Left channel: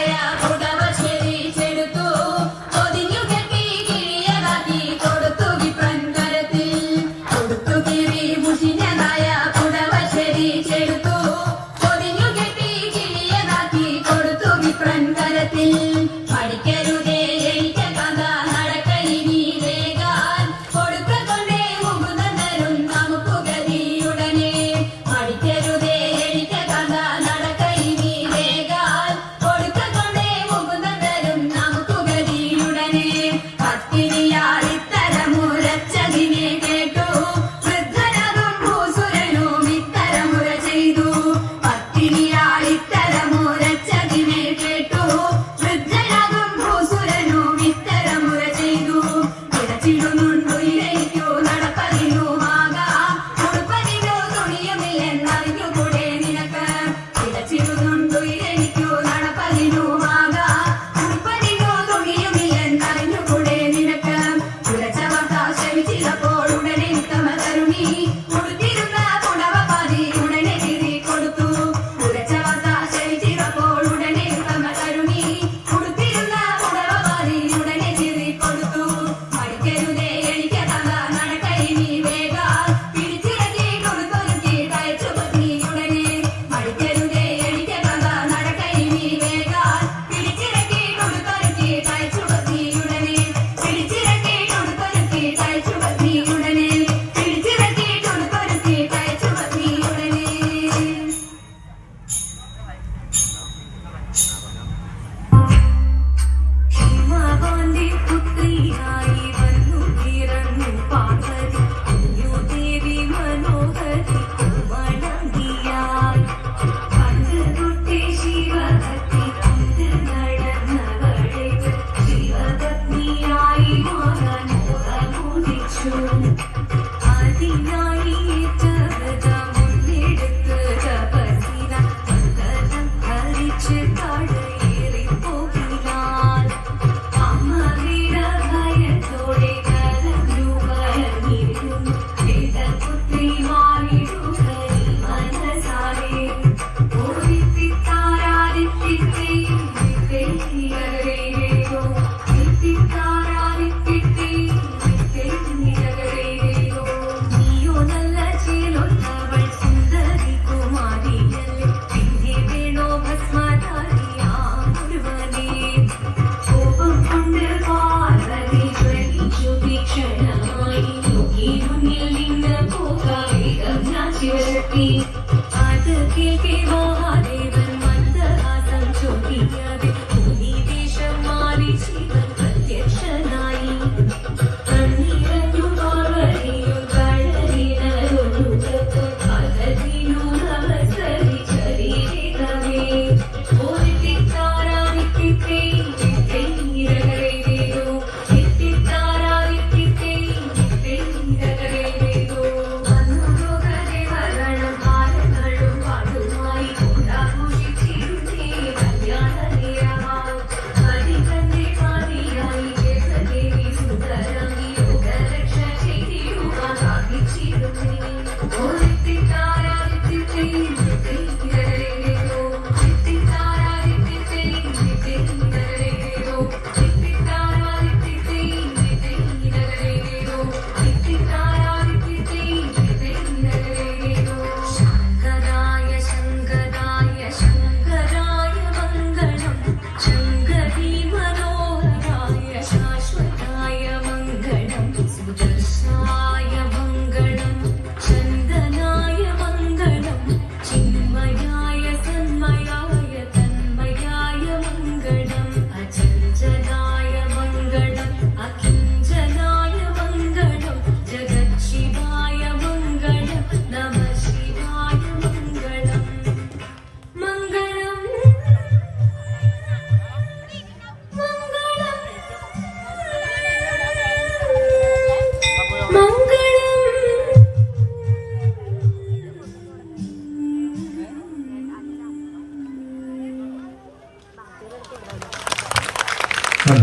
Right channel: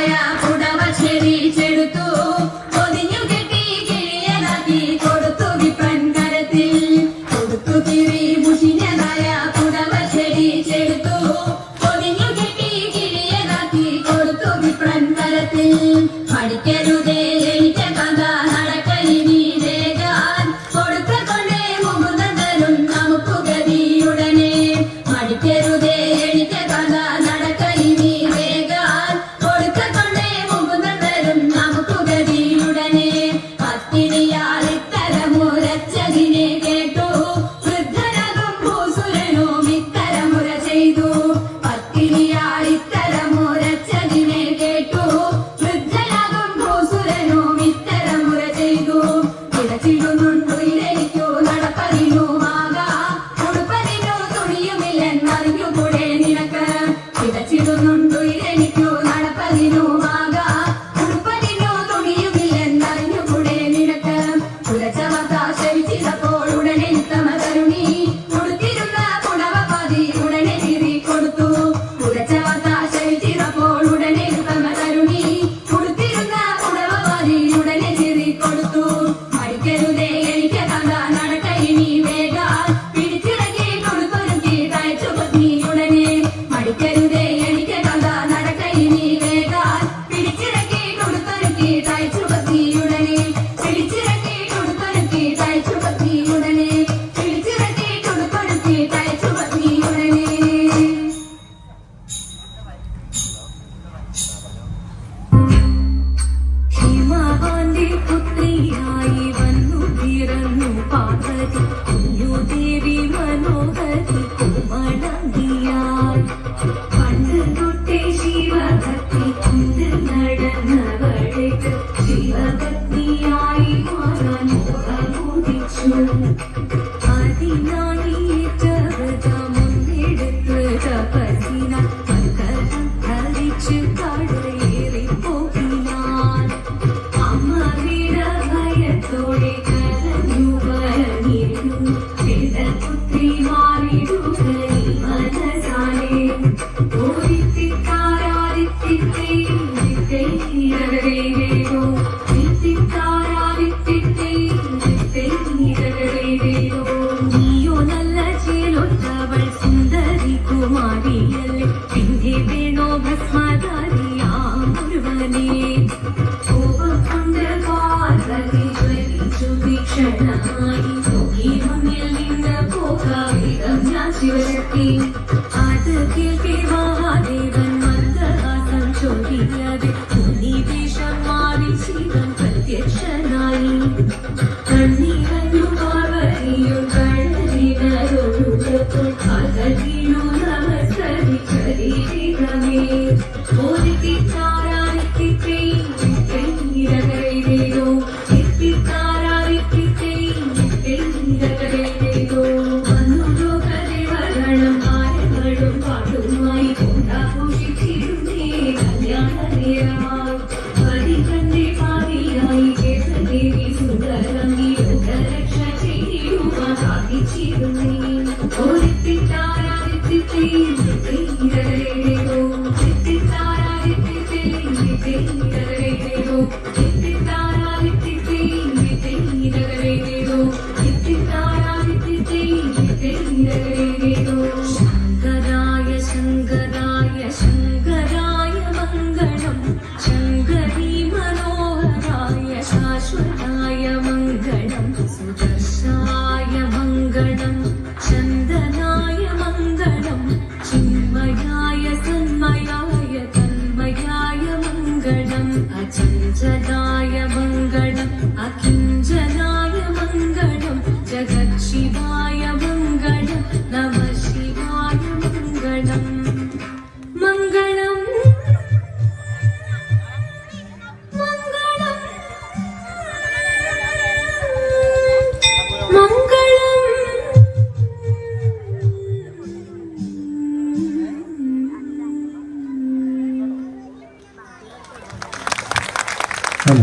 I am. Be Now.